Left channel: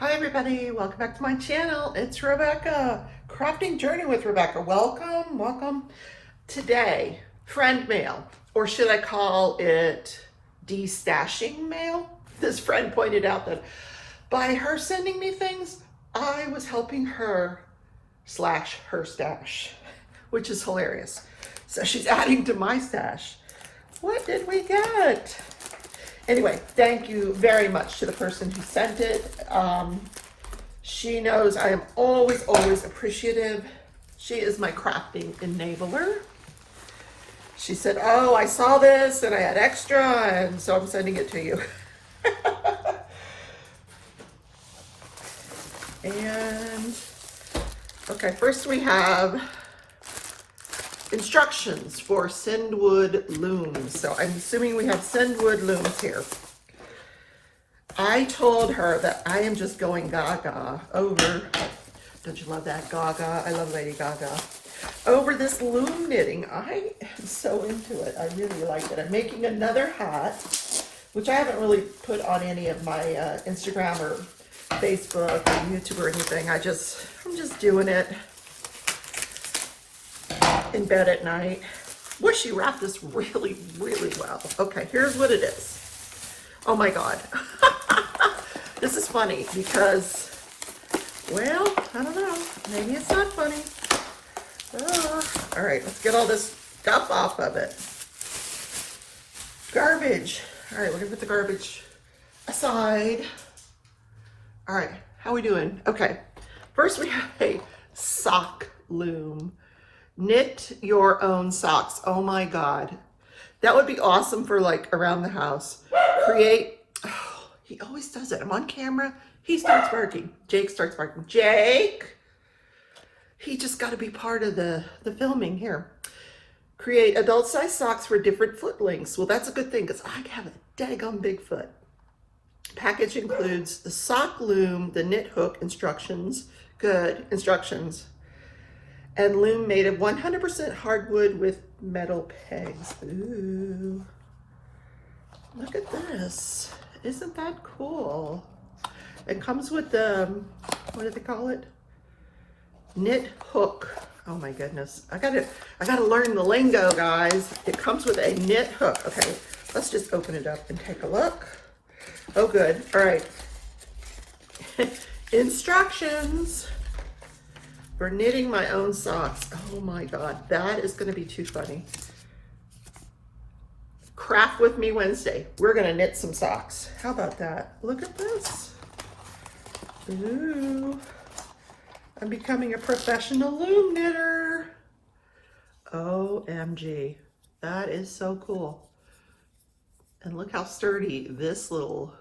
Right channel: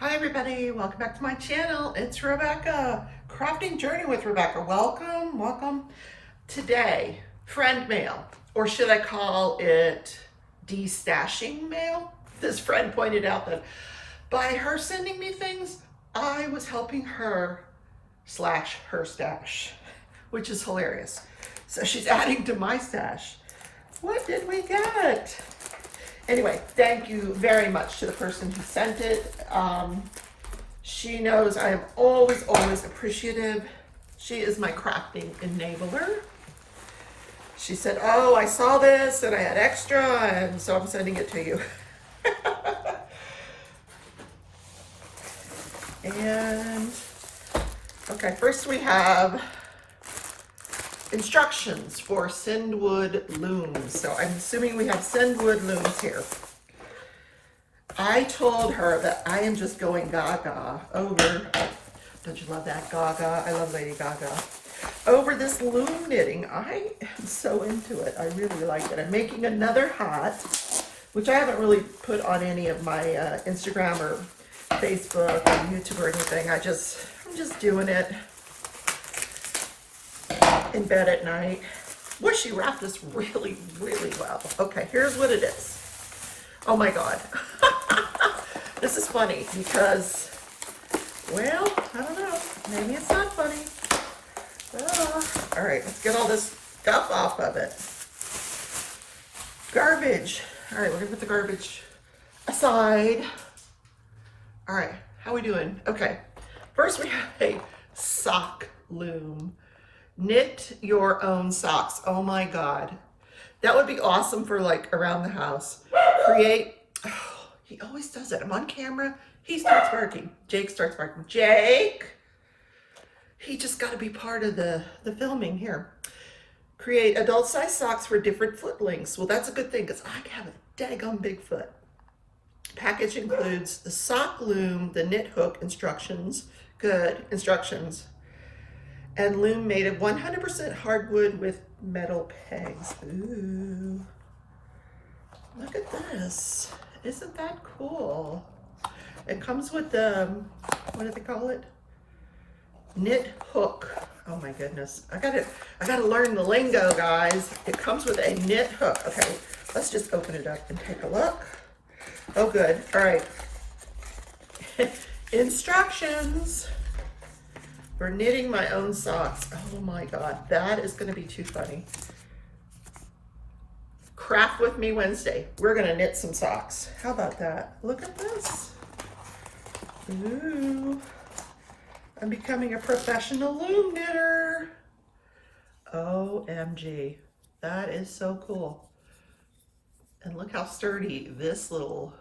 Hi everybody, welcome back to my channel. It's Rebecca, Crafting Journey with Rebecca. Welcome. Today, friend mail, or should I call it de-stashing mail? This friend pointed out that by her sending me things, I was helping her slash her stash, which is hilarious. So she's adding to my stash. What did we get? Anyway, thank you very much to the person who sent it. She knows I am always appreciative. She is my crafting enabler. She said, oh, I saw this and I had extra, and so I'm sending it to you. And, okay, first we have instructions for Sandwood looms. So I'm assuming we have Sandwood looms here. I told her that I am just going gaga over, don't you love that gaga? I love Lady Gaga. Over this loom knitting. I am so into it. I really like it. I'm making another hat, which I haven't really put on any of my Instagram or Facebook or YouTube or anything. I'm just doing it in bed at night. Well, she wrapped this really well. Okay, here's what it is. Oh my God. This is funny because, well, I don't know. Maybe it's not funny. All right, let's get all this stuff off of it. Garbage. All right, we're gonna put the garbage aside. All right, how are we doing? Okay, first we have a sock loom. Knit your own socks. Oh my God. That would be awesome for like around the house. Create, oh, he always does it. I'm on camera. He starts barking. Jake starts barking. Jake! He just got to be part of the filming here. Create adult size socks for different foot lengths. Well, that's a good thing because I have a daggone big foot. Package includes the sock loom, the knit hook instructions, good instructions, and loom made of 100% hardwood with metal pegs. Ooh, look at this. Isn't that cool? It comes with the, what do they call it? Knit hook. Oh my goodness. I gotta learn the lingo, guys. It comes with a knit hook. Okay, let's just open it up and take a look. Oh, good. All right. Instructions for knitting my own socks. Oh my God, that is gonna be too funny. Craft with me Wednesday. We're gonna knit some socks. How about that? Look at this. Ooh, I'm becoming a professional loom knitter. OMG, that is so cool. And look how sturdy this little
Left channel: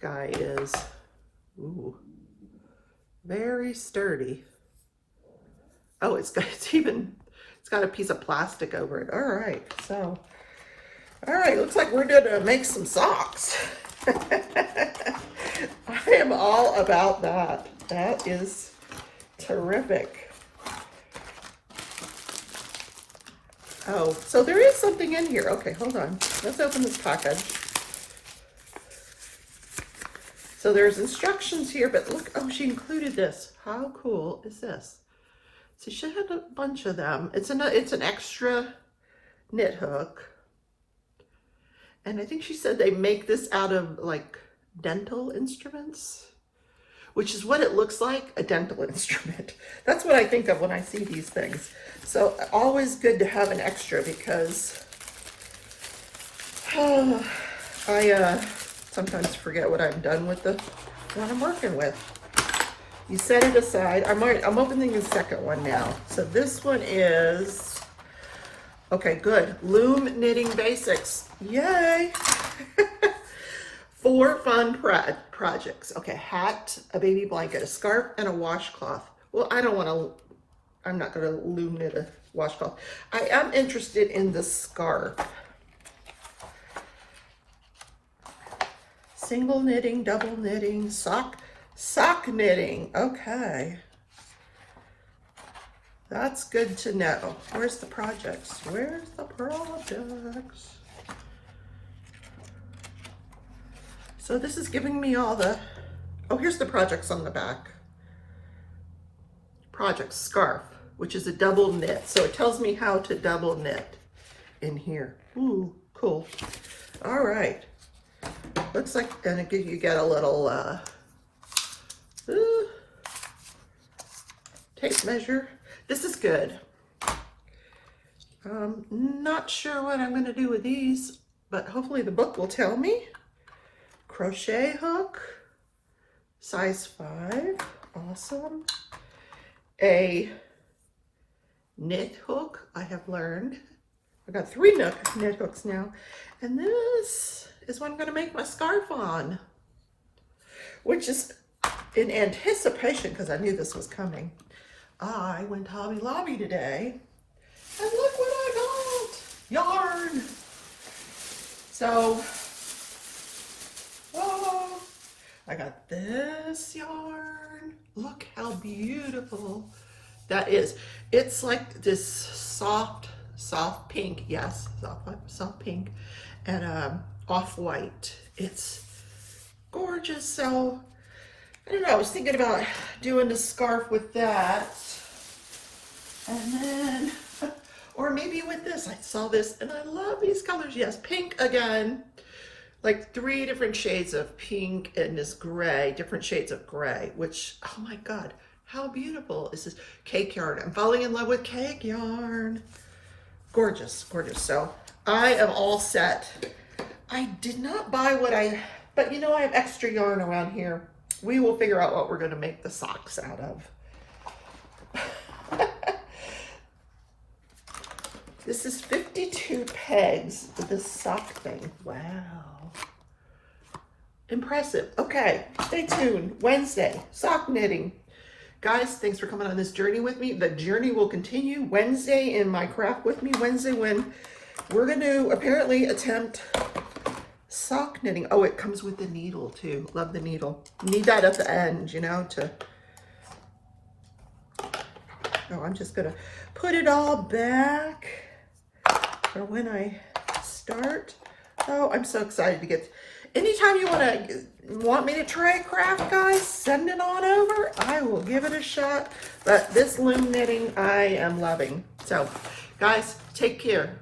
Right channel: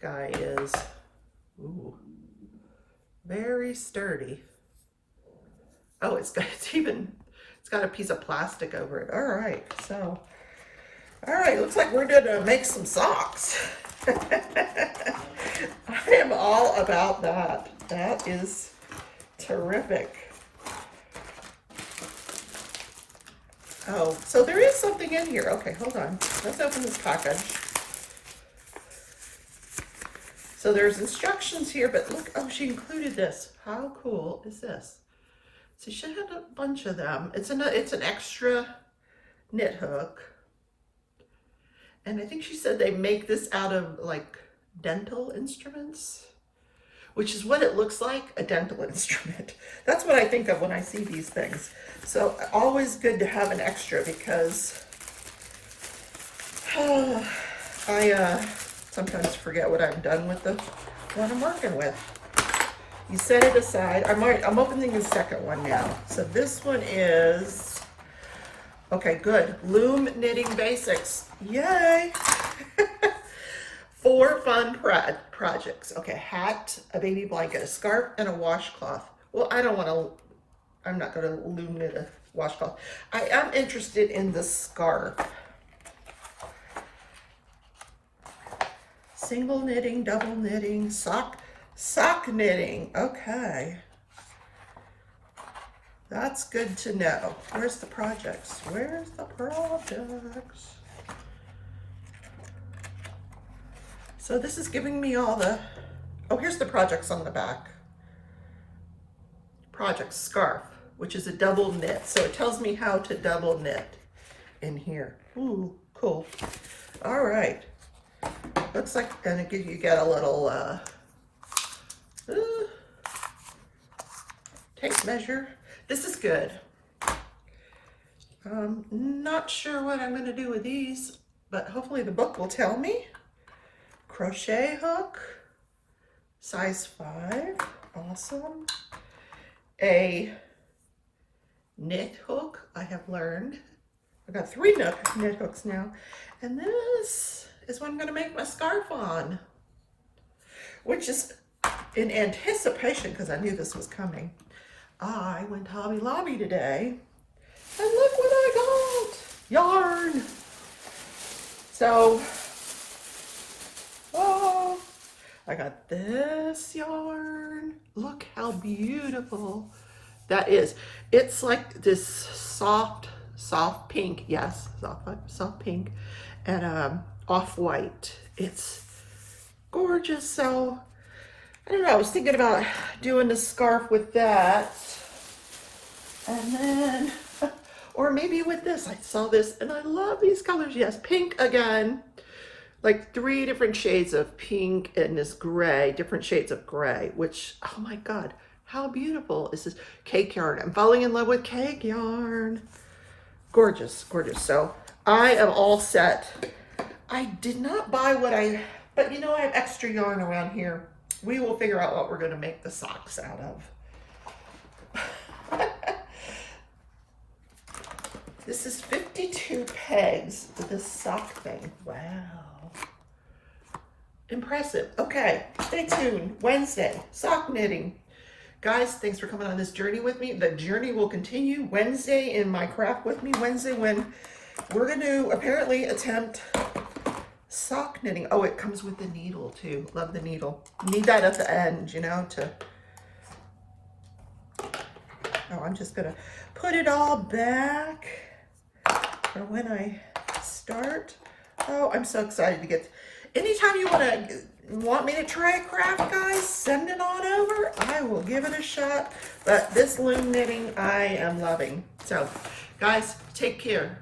guy is. Ooh. Very sturdy. Oh, it's got a piece of plastic over it. All right, so, all right, looks like we're gonna make some socks. I am all about that. That is terrific. Oh, so there is something in here. Okay, hold on. Let's open this package. So there's instructions here, but look, oh, she included this. How cool is this? So she had a bunch of them. It's an extra knit hook. And I think she said they make this out of like dental instruments, which is what it looks like, a dental instrument. That's what I think of when I see these things. So always good to have an extra because I sometimes forget what I've done with what I'm working with. You set it aside. I'm opening the second one now. So this one is, okay, good. Loom knitting basics. Yay. 4 fun projects. Okay, hat, a baby blanket, a scarf, and a washcloth. Well, I'm not gonna loom knit a washcloth. I am interested in the scarf. Single knitting, double knitting, sock knitting. Okay. That's good to know. Where's the projects? Where's the projects? So this is giving me all the Oh, here's the projects on the back. Project scarf, which is a double knit. So it tells me how to double knit in here. Ooh, cool. All right. Looks like, and you get a little tape measure. This is good. Not sure what I'm going to do with these, but hopefully the book will tell me. Crochet hook, size 5, awesome. A knit hook, I have learned. I've got 3 knit hooks now. And this is what I'm going to make my scarf on, which is in anticipation because I knew this was coming. I went to Hobby Lobby today and look what I got, yarn. So, oh, I got this yarn. Look how beautiful that is. It's like this soft pink, yes, soft pink, and off-white. It's gorgeous. So I don't know, I was thinking about doing a scarf with that, and then, or maybe with this. I saw this and I love these colors. Yes, pink again, like 3 different shades of pink and this gray, different shades of gray, which, oh my God, how beautiful is this cake yarn? I'm falling in love with cake yarn. Gorgeous, gorgeous. So I am all set. I did not buy but you know, I have extra yarn around here. We will figure out what we're going to make the socks out of. This is 52 pegs with this sock thing. Wow. Impressive. Okay, stay tuned. Wednesday, sock knitting. Guys, thanks for coming on this journey with me. The journey will continue Wednesday in my craft with me. Wednesday when we're going to apparently attempt sock knitting. Oh, it comes with the needle too. Love the needle. Need that at the end, you know, to... Oh, I'm just going to put it all back for when I start. Oh, I'm so excited to get... Anytime you want me to try a craft, guys, send it on over. I will give it a shot. But this loom knitting, I am loving. So, guys, take care.